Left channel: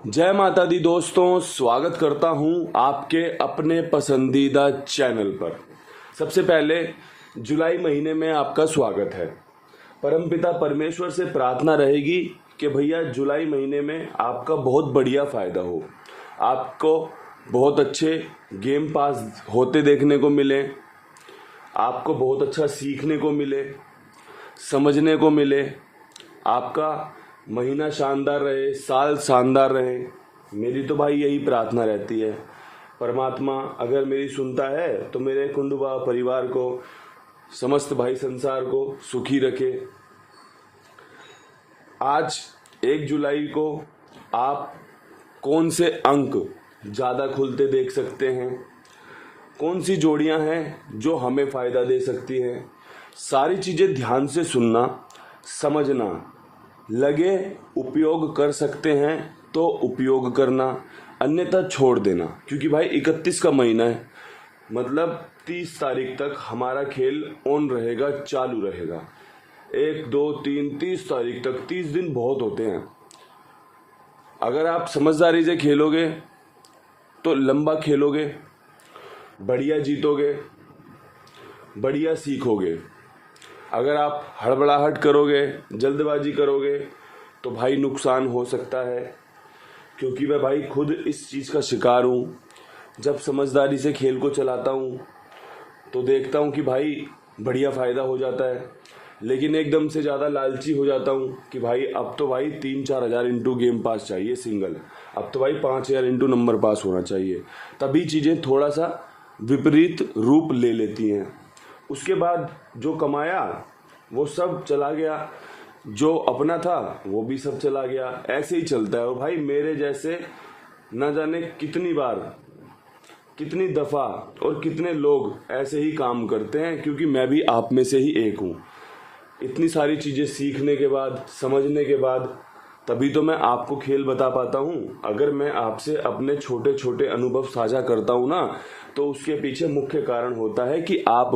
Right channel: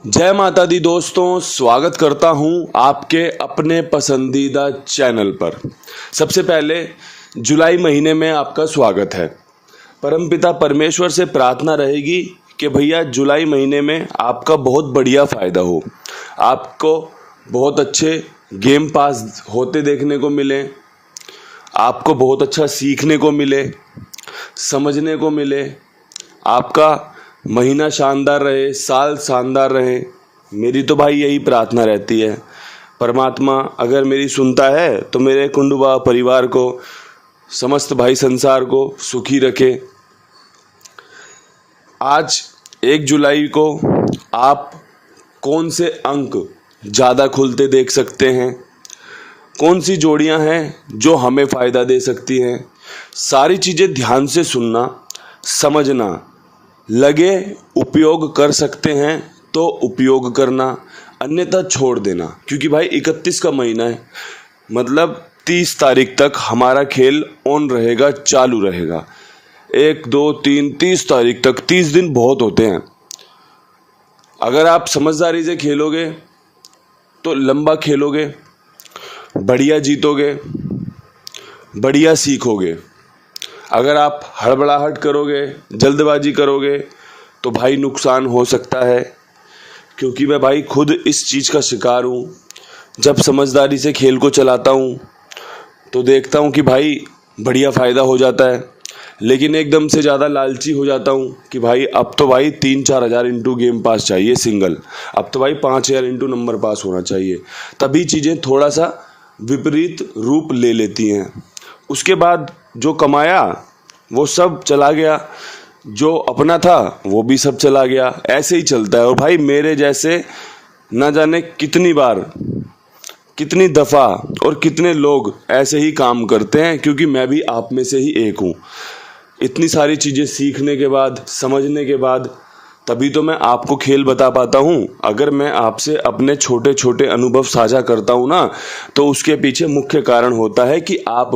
जय माता दी दोस्तों, स्वागत करता हूं आपके अपने पसंदीदा चैनल पर। सबसे पहले जुलाई महीने में आपका स्वागत है। परमपिता परमेश्वर से प्रार्थना रहेगी कि भैया जुलाई महीने में आपका बहुत बढ़िया फ़ायदा हो, आपको बहुत अच्छे गेम पास होते देखने को मिले, आपको बहुत अच्छा सीखने को मिले, समझने को मिले, आपका महीना शानदार रहे, साल शानदार रहे। मेरी तो भाई यही प्रार्थना रहती है। परमात्मा अगर मेरी सुनता है तो मेरे कुंडुबा परिवार को, समस्त भाई संसार को सुखी रखे। आज 1 जुलाई को आप कौन से अंक ज़्यादा खुलते देख सकते हैं, कौन सी जोड़ियां हैं जो हमें फ़ायदा दे सकती हैं, सारी चीज़ें ध्यान से सुनना, समझना, लगे उपयोग कर सकते हैं तो उपयोग करना, अन्यथा छोड़ देना। क्योंकि भाई 31 का महीना है, मतलब 30 तारीख तक हमारा खेल ऑन रहेगा, चालू रहेगा। 1 2 3 30 तारीख तक 30 दिन बहुत होते हैं। अगर आप समझदारी से खेलोगे तो लंबा खेलोगे, बढ़िया जीतोगे, बढ़िया सीखोगे। अगर आप हड़बड़ाहट करोगे, जल्दबाजी करोगे तो भाई नुकसान हो सकता है। क्योंकि मैं भाई खुद इस चीज़ का शिकार हूँ। जब समझदारी से खेल को चलाता हूँ तो देखता हूँ कि भाई बढ़िया फ़ायदा हो जाता है, लेकिन एकदम से ज़्यादा लालची हो जाता हूँ कि भाई अब तो भाई 3-4 हज़ार इंटू गेम पास चाहिए सिंगल, अब तो भाई 5,000 इंटू नंबर पास होना चाहिए। तभी चीज़ें थोड़ा सा विपरीत रूप ले लेती हैं। उसके बाद जो कमाया वो सब चला गया, जो अपना था वो भी सब चला गया। ऐसे ही चलता है। और भाई मेरे जैसे ना जाने कितनी बार, कितनी दफ़ा और कितने लोग ऐसे ही काम करते हैं, क्योंकि मैं भी आप में से ही एक हूँ। इतनी सारी चीज़ें सीखने के बाद, समझने के बाद तभी तो मैं आपको खेल बता पाता हूँ। अगर मैं आपसे अपने छोटे छोटे अनुभव साझा करता हूँ ना, तो उसके पीछे मुख्य कारण होता है कि आप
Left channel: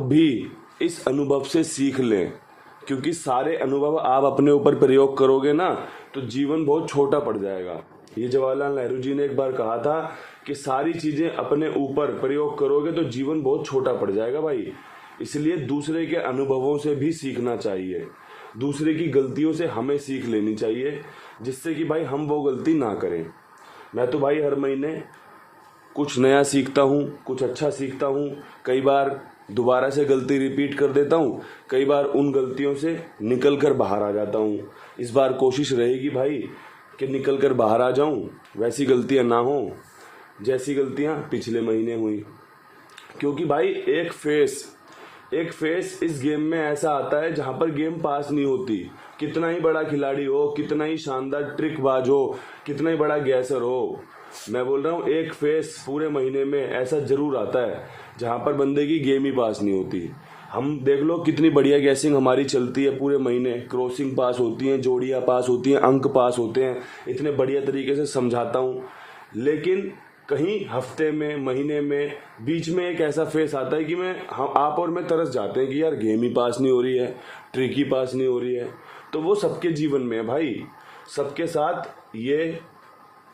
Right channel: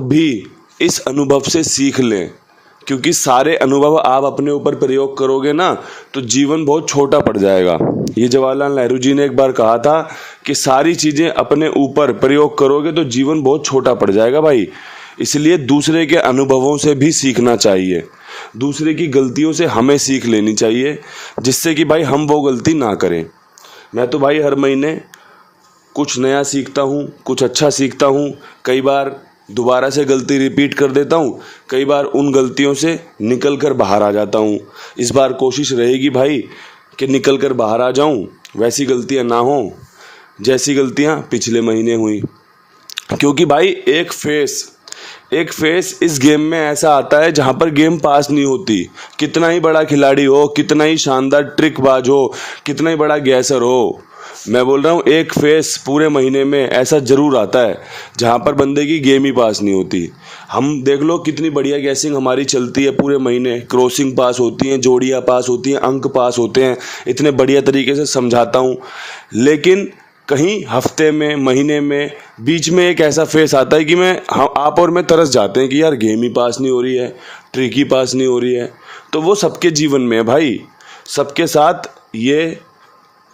भी इस अनुभव से सीख लें। क्योंकि सारे अनुभव आप अपने ऊपर प्रयोग करोगे ना तो जीवन बहुत छोटा पड़ जाएगा। ये जवाहरलाल नेहरू जी ने एक बार कहा था कि सारी चीज़ें अपने ऊपर प्रयोग करोगे तो जीवन बहुत छोटा पड़ जाएगा भाई। इसलिए दूसरे के अनुभवों से भी सीखना चाहिए, दूसरे की गलतियों से हमें सीख लेनी चाहिए, जिससे कि भाई हम वो गलती ना करें। मैं तो भाई हर महीने कुछ नया सीखता हूँ, कुछ अच्छा सीखता हूँ। कई बार दोबारा से गलती रिपीट कर देता हूँ, कई बार उन गलतियों से निकल कर बाहर आ जाता हूँ। इस बार कोशिश रहेगी भाई कि निकल कर बाहर आ जाऊँ, वैसी गलतियाँ ना हों जैसी गलतियाँ पिछले महीने हुई। क्योंकि भाई एक फेस इस गेम में ऐसा आता है जहाँ पर गेम पास नहीं होती। कितना ही बड़ा खिलाड़ी हो, कितना ही शानदार ट्रिकबाज हो, कितना ही बड़ा गैसर हो, मैं बोल रहा हूँ एक फेस पूरे महीने में ऐसा ज़रूर आता है जहाँ पर बंदे की गेम ही पास नहीं होती। हम देख लो कितनी बढ़िया गैसिंग हमारी चलती है पूरे महीने, क्रॉसिंग पास होती हैं, जोड़ियाँ पास होती हैं, अंक पास होते हैं, इतने बढ़िया तरीके से समझाता हूँ। लेकिन कहीं हफ्ते में, महीने में, बीच में एक ऐसा फेस आता है कि आप और मैं तरस जाते हैं कि यार गेम ही पास नहीं हो रही है, ट्रिक ही पास नहीं हो रही है। तो वो सबके जीवन में है भाई, सबके साथ ये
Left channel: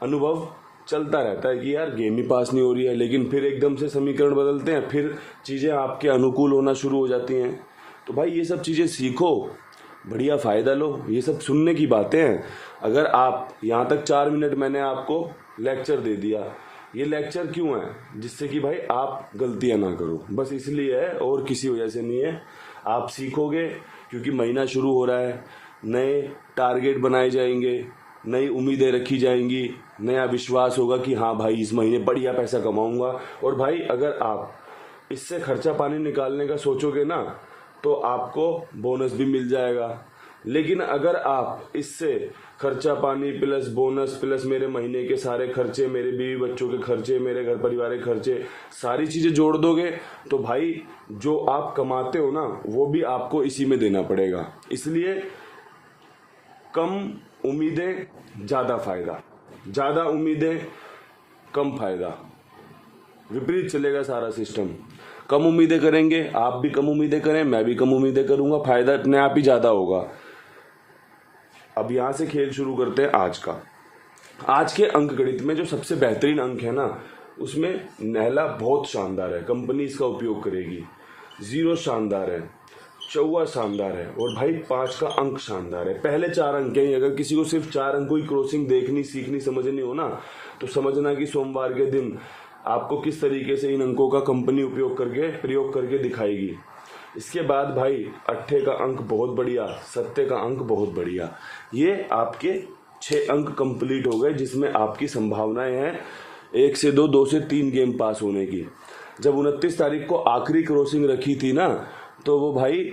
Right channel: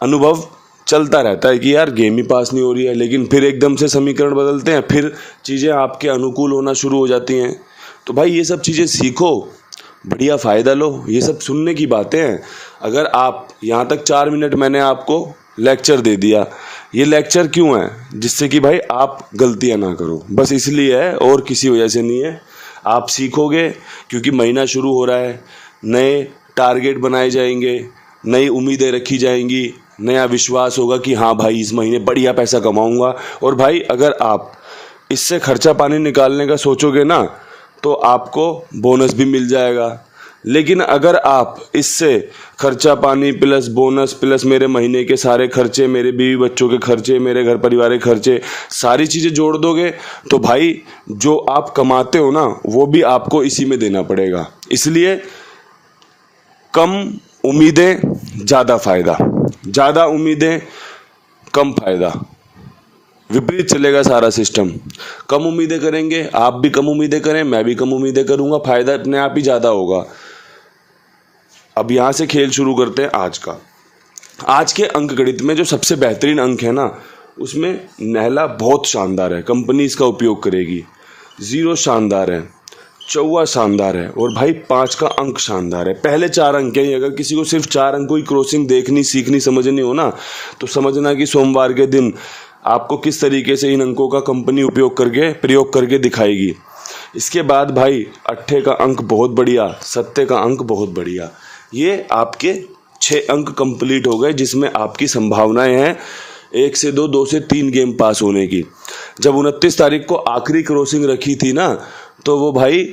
अनुभव चलता रहता है कि यार गेम ही पास नहीं हो रही है। लेकिन फिर एकदम से समीकरण बदलते हैं, फिर चीज़ें आपके अनुकूल होना शुरू हो जाती हैं। तो भाई ये सब चीज़ें सीखो, बढ़िया फ़ायदा लो। ये सब सुनने की बातें हैं। अगर आप यहाँ तक 4 मिनट मैंने आपको लेक्चर दे दिया, ये लेक्चर क्यों है? जिससे कि भाई आप गलतियाँ ना करो, बस इसलिए है, और किसी वजह से नहीं है। आप सीखोगे क्योंकि महीना शुरू हो रहा है, नए टारगेट बनाए जाएंगे, नई उम्मीदें रखी जाएंगी, नया विश्वास होगा कि हाँ भाई इस महीने बढ़िया पैसा कमाऊंगा। और भाई अगर आप इससे खर्चा पानी निकालने का सोचोगे ना तो आपको बोनस भी मिल जाएगा। लेकिन अगर आप इससे खर्चा पानी प्लस बोनस प्लस मेरे महीने के सारे खर्चे, मेरे बीवी बच्चों के खर्चे, मेरे घर परिवार के खर्चे, सारी चीज़ें जोड़ दोगे तो भाई जो आप कमाते हो ना वो भी आपको इसी में देना पड़ेगा। इसलिए कम उम्मीदें ज़्यादा फ़ायदा, ज़्यादा उम्मीदें कम फ़ायदा, विपरीत चलेगा सारा सिस्टम। कम उम्मीदें करेंगे, आप भी कम उम्मीदें करें, मैं भी कम उम्मीदें करूँगा, फ़ायदा अपने आप ही ज़्यादा होगा। अब यहाँ से खेल शुरू करते हैं आज का। आज के अंक गणित में जो सबसे बेहतरीन अंक है ना, उसमें नहला बहुत शानदार है, कंपनी इसका उपयोग करेगी। 0 शानदार है, चौवा शानदार है, और भाई 5 का अंक शानदार है। पहले 4 अंक हैं। अगर किसी को सिर्फ 4 अंकों की क्रॉसिंग देखनी, सीखनी, समझनी हो ना, तो समझना कि सोमवार के दिन आपको किस तरीके से इन अंकों का कंपनी प्रयोग करके दिखाएगी। इसके बाद भाई 8 का अंक बहुत बढ़िया, 7 का अंक बहुत बढ़िया। ये आपके 6 अंक कंप्लीट हो गए, जिसमें आपकी संभावनाएं हैं 1 से 2, 2 से 3 गेम पास होने की। जब 29 तारीख को आखिरी क्रॉसिंग रखी थी ना, तो वो भाई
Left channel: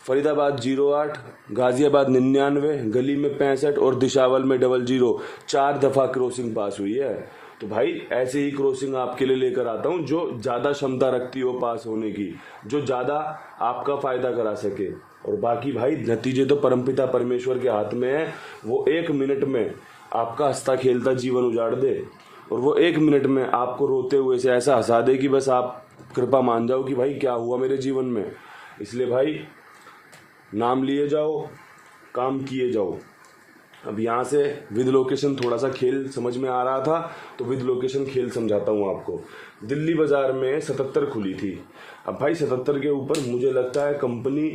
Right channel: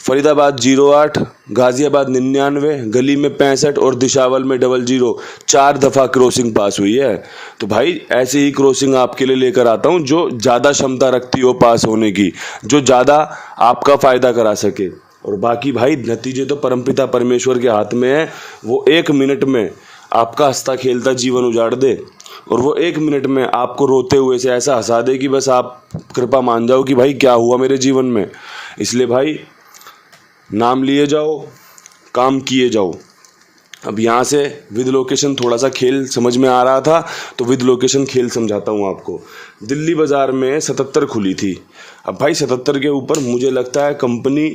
फरीदाबाद 08, गाजियाबाद 99, गली में 65 और दिशावल में 00, 4 दफ़ा क्रॉसिंग पास हुई है। तो भाई ऐसे ही क्रॉसिंग आपके लिए लेकर आता हूँ जो ज़्यादा क्षमता रखती हो पास होने की, जो ज़्यादा आपका फ़ायदा करा सके। और बाकी भाई नतीजे तो परमपिता परमेश्वर के हाथ में है। वो 1 मिनट में आपका हंसता खेलता जीवन उजाड़ दे, और वो 1 मिनट में आपको रोते हुए से ऐसा हंसा दे कि बस आप कृपा मान जाओ कि भाई क्या हुआ मेरे जीवन में। इसलिए भाई नाम लिए जाओ, काम किए जाओ। अब यहाँ से विद लोकेशन थोड़ा सा खेल समझ में आ रहा था, तो विद लोकेशन खेल समझाता हूँ आपको। दिल्ली बाज़ार में 77 खुली थी। अब भाई 77 के ऊपर मुझे लगता है कंपनी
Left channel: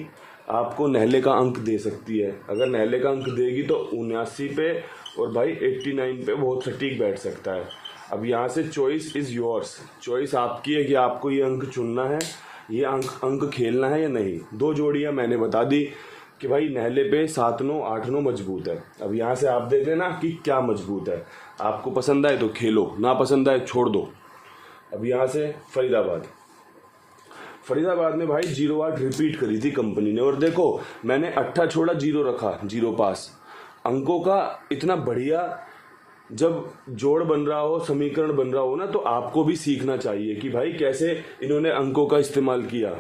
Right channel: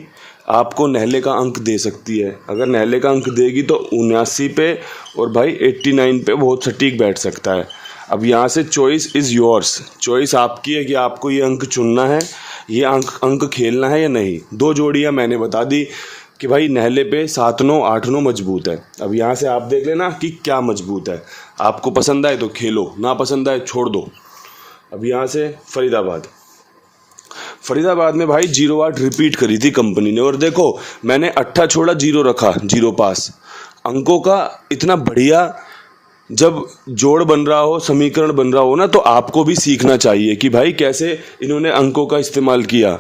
आपको नहले का अंक दे सकती है। अगर नहले का अंक देगी तो 79 पे और भाई 89 पे बहुत सटीक बैठ सकता है। अब यहाँ से चॉइस इज़ योर्स, चॉइस आपकी है कि आपको ये अंक चुनना है, ये अंक खेलना है या नहीं। 2 जोड़ियाँ मैंने बता दी कि भाई नहले पे 7-9, 8-9 मजबूत है। अब यहाँ से आप देख लेना कि क्या मजबूत है। आपको पसंद आए तो खेलो, ना पसंद आए छोड़ दो। अब यहाँ से फरीदाबाद में भाई 08 रिपीट करी थी कंपनी ने, और देखो मैंने 8 छोड़ा, 0 रखा, 0 पास। अंकों का इतना बढ़िया जब जोड़ बन रहा हो, समीकरण बन रहा हो ना, तो आपको भी सीखना चाहिए कि भाई कैसे इन्होंने अंकों का इस्तेमाल किया,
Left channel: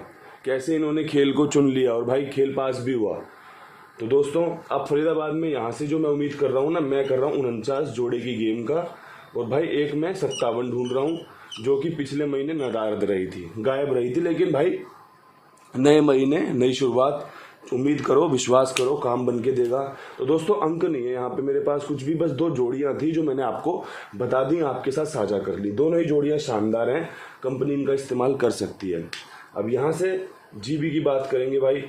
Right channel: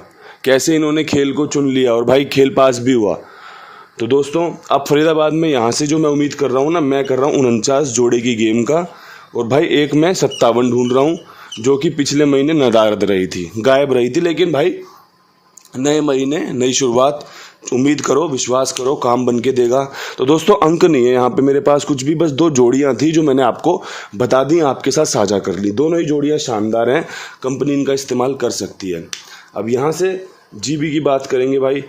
कैसे इन्होंने खेल को चुन लिया, और भाई खेल पास भी हुआ। तो दोस्तों अब फरीदाबाद में यहाँ से जो मैं उम्मीद कर रहा हूँ ना, मैं कर रहा हूँ 49 जोड़े की गेम का, और भाई एक मैं 57 ढूंढ रहा हूँ जो कि पिछले महीने नदारद रही थी, गायब रही थी। लेकिन भाई नए महीने नई शुरुआत, उम्मीद करो, विश्वास करो, काम बन के देगा। तो दोस्तों अंक नहीं है यहाँ पे मेरे पास कुछ भी, बस 2 जोड़ियाँ थी जो मैंने आपको बता दी, आपके साथ साझा कर ली। दोनों ही जोड़ियाँ शानदार हैं, कंपनी इनका इस्तेमाल कर सकती है। अब यहाँ से जीबी की बात करेंगे भाई।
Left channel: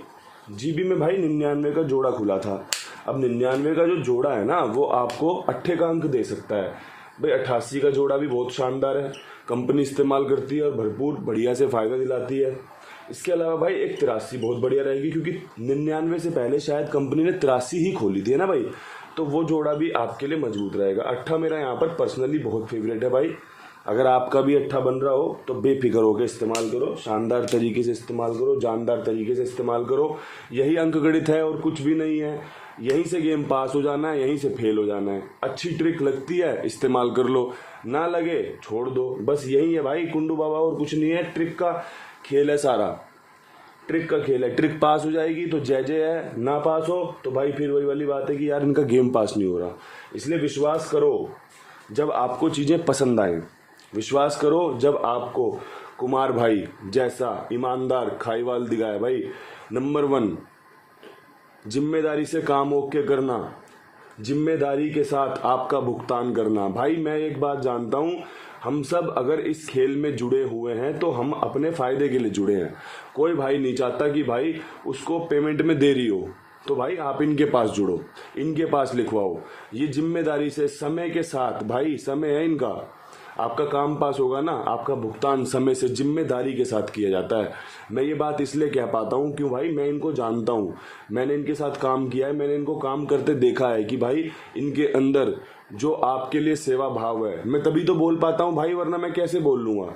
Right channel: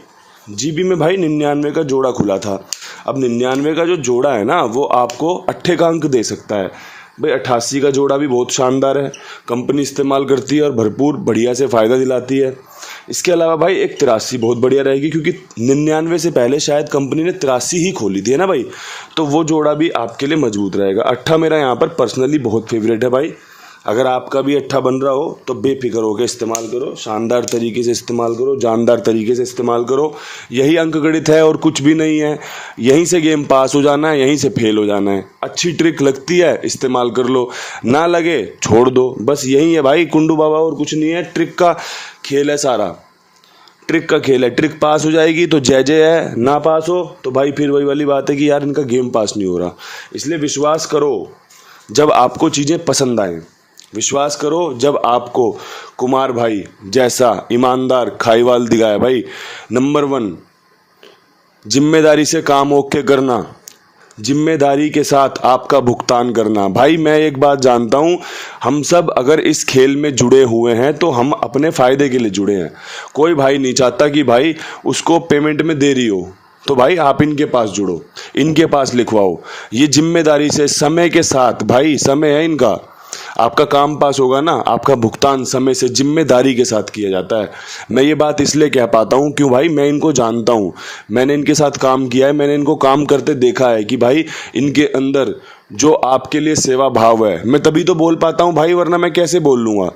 जीबी में भाई 99 का जोड़ा खुला था। अब 99 का जो जोड़ा है ना, वो आपको 8 का अंक दे सकता है। भाई 88 का जोड़ा भी बहुत शानदार है, कंपनी इस्तेमाल करती है और भरपूर बढ़िया से फ़ायदा दिलाती है। इसके अलावा भाई एक 83 बहुत बढ़िया रहेगी, क्योंकि 99 से पहले शायद कंपनी ने 83 ही खोली थी, है ना भाई, तो वो जोड़ा भी आपके लिए मजबूत रहेगा। 8 मेरा यहाँ पर पर्सनली बहुत फेवरेट है भाई। अगर आपका भी 8 बन रहा हो तो बेफिक्र होकर इस्तेमाल करो, शानदार तरीके से इस्तेमाल करो, जानदार तरीके से इस्तेमाल करो। यही अंक गणित है और कुछ भी नहीं है। यहीं से गेम पास हो जाना है, यहीं से फेल हो जाना है। अच्छी ट्रिक लगती है इस्तेमाल कर लो, ना लगे छोड़ दो। बस यही है भाई कुंडू बाबा, और कुछ नहीं है। ट्रिक का खेल है सारा, ट्रिक का खेल है। ट्रिक पास हो जाएगी तो जय जय है, ना पास हो तो भाई फिर वही वाली बात है कि यार इनका गेम पास नहीं हो रहा। इसलिए विश्वास करो जब आपको चीज़ें पसंद आएँ, विश्वास करो जब आपको कुमार भाई जैसा ईमानदार खाईवाल दिखाया। भाई नंबर 1 जिम्मेदारी से काम ओके करना, जिम्मेदारी के साथ आपका भुगतान करना। भाई मैं एक बात जानता हूँ, हम सब अगर इस खेल में जुड़े हुए हैं तो हम अपने फ़ायदे के लिए जुड़े हैं। कोई भाई नहीं चाहता कि भाई उसको पेमेंट में देरी हो, तो भाई आप इनके पास जुड़ो, इनके पास लिखवाओ। ये जिम्मेदारी से, समय के साथ, भाई समय है इनका, आपका काम पास होगा ना, आपका भुगतान समय से जिम्मेदारी के साथ किया जाता है। मैं ये बात इसलिए कह पाता हूँ क्यों भाई, मैं इनको जानता हूँ, मैंने इनके साथ काम किया है, मैंने इनको काम करते देखा है कि भाई इनके अंदर जो आपके लिए सेवा भाव है, मैं तभी तो बोल पाता हूँ भाई, वरना मैं कैसे बोल लूँगा।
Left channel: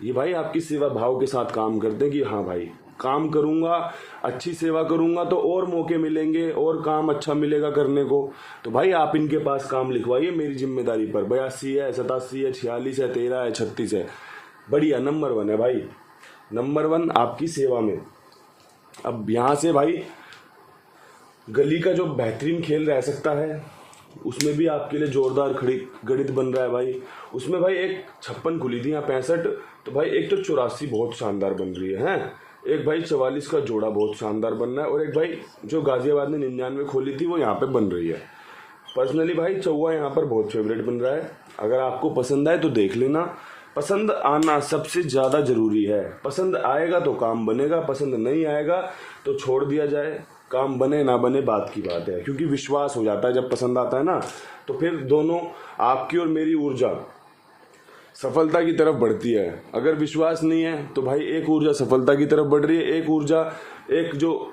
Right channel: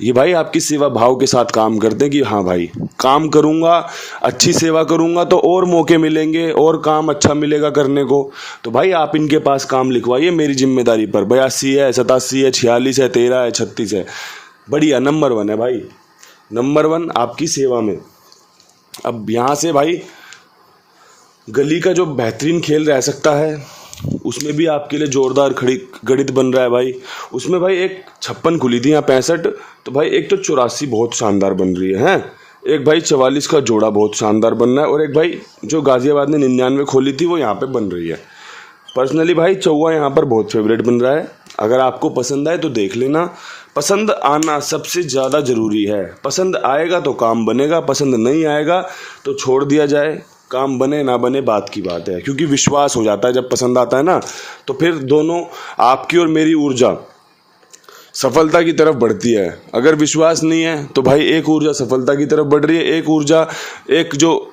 ये भाई आपकी सेवा भाव के साथ काम करते हैं कि हाँ भाई काम करूँगा, अच्छी सेवा करूँगा तो और मौके मिलेंगे और काम अच्छा मिलेगा करने को। तो भाई आप इनके पास काम लिखवाइए मेरी जिम्मेदारी पर। 82 है, 87 है, 46 है, 13 है, 36 है, बढ़िया नंबर 1 है भाई, नंबर 1 आपकी सेवा में। अब यहाँ से भाई गली का जो बेहतरीन खेल रह सकता है, उसमें भी आपके लिए जोरदार गणित बन रहा है भाई। उसमें भाई एक 56 खुली थी यहाँ 65, तो भाई एक तो 84 बहुत शानदार बन रही है, एक भाई 44 का जोड़ा बहुत शानदार बन रहा है, और एक भाई जो गाज़ियाबाद ने 99 खोली थी वो यहाँ पे बन रही है। पर्सनली भाई चौवा यहाँ पर बहुत फेवरेट बन रहा है। अगर आपको पसंद आए तो देख लेना। पसंद आना सबसे ज़्यादा ज़रूरी है। पसंद आएगा तो काम बनेगा, पसंद नहीं आएगा तो छोड़ दिया जाए। काम बने ना बने बात की बात है, क्योंकि विश्वास हो जाता है जब पसंद आता है ना, तो फिर दोनों आपकी और मेरी ऊर्जा सफलता की तरफ बढ़ती है। अगर विश्वास नहीं है तो भाई एक ऊर्जा सफलता की तरफ बढ़ रही है, एक ऊर्जा, एक जो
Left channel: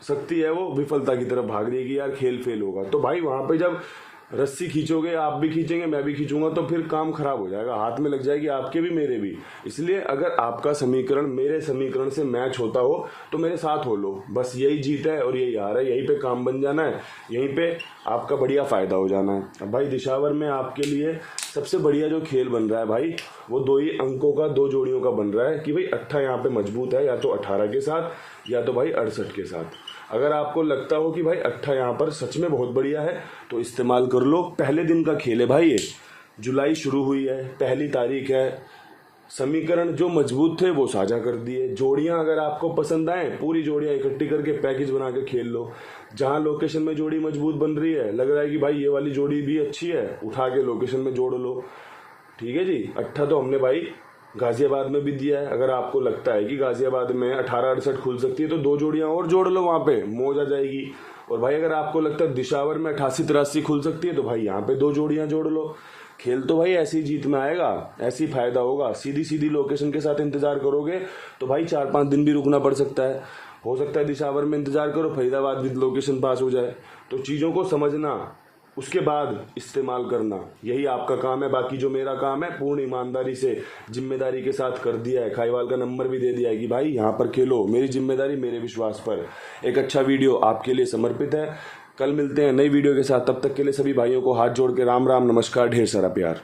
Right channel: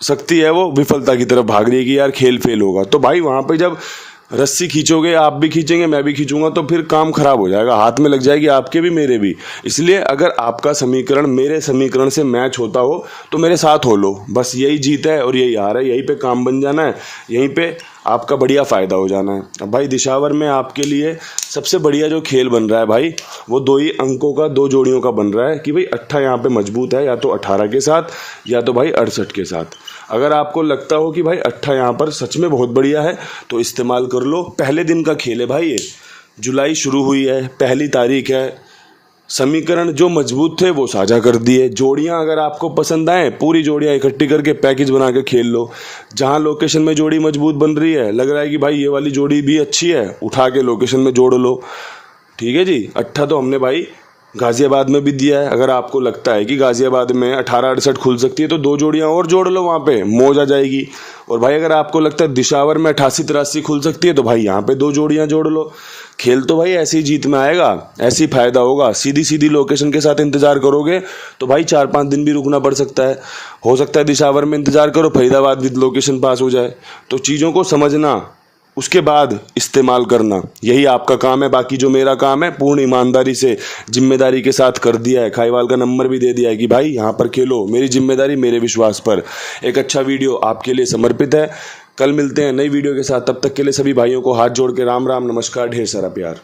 शक्ति है वो विफलता की तरफ भाग रही है कि यार खेल फेल होगा। तो भाई वहाँ पे जब रस्सी खींचोगे, आप भी खींचेंगे मैं भी खींचूंगा, तो फिर काम खराब हो जाएगा, हाथ में लग जाएगी आपके भी मेरे भी। इसलिए अगर आपका समीकरण मेरे समीकरण से मैच होता हो तो मेरे साथ हो लो। बस यही जीत है और यही हार है, यहीं पे काम बन जाना है, यहीं पे आपका बढ़िया फ़ायदा हो जाना है। अब भाई दिशावर में आपके लिए सबसे बढ़िया जो खेल बन रहा है भाई, वो 2 ही अंकों का, 2 जोड़ियों का बन रहा है कि भाई 8 यहाँ पे मजबूत है, या तो 18 के साथ या तो भाई 68 के साथ। अगर आपको लगता हो कि भाई 8 यहाँ पर सच में बहुत बढ़िया है तो इस्तेमाल कर लो। पहले दिन का खेल है भाई, ये जुलाई शुरू हुई है, पहली तारीख है। समीकरण जो मजबूत थे वो साझा कर दिए। जोड़ियां अगर आपको पसंद आए, पूरी जोड़ियां इकट्ठी करके पैकेज बना के खेल लो। जहां लोकेशन में जोड़ी मजबूत बन रही है, लग रहा है कि भाई ये वाली जोड़ी भी अच्छी है, उठा के लोकेशन में जोड़ लो। ठीक है जी। 8 तो हमने भाई गाज़ियाबाद में भी दिया है। अगर आपको लगता है कि गाज़ियाबाद में 18-68 खुल सकती है तो 2 जोड़ियां और जोड़ लो, वहाँ पे मौज आ जाएगी। और भाई अगर आपको लगता है दिशावर में 88-83 खुल सकती है तो भाई यहाँ पे 2 जोड़ियां जोड़ लो। खेल तो भाई ऐसी जीत में आएगा, ऐसी फायदा होगा। सीधी सीधी लोकेशन के साथ इंतजार करोगे तो भाई 4-5 दिन भी रुकना पड़ सकता है। हो सकता है दिशावर में इंतजार करो, फरीदाबाद भी लोकेशन पास हो जाए। तो चीज़ों को समझना, उसके बाद इस्तेमाल करना, यही आपका काम है। बाकी जो मेरा काम है पूर्ण ईमानदारी से, जिम्मेदारी के साथ कर दिया है। खाईवाल का नंबर भी दे दिया है कि भाई यहाँ पर खेलो, मेरी जिम्मेदारी मेरे विश्वास पर। एक अच्छा वीडियो आपके लिए समर्पित है। कल मिलते हैं नई वीडियो के साथ, तब तक के लिए सभी भाइयों को हाथ जोड़ के राम राम, नमस्कार, ढेर सारा प्यार।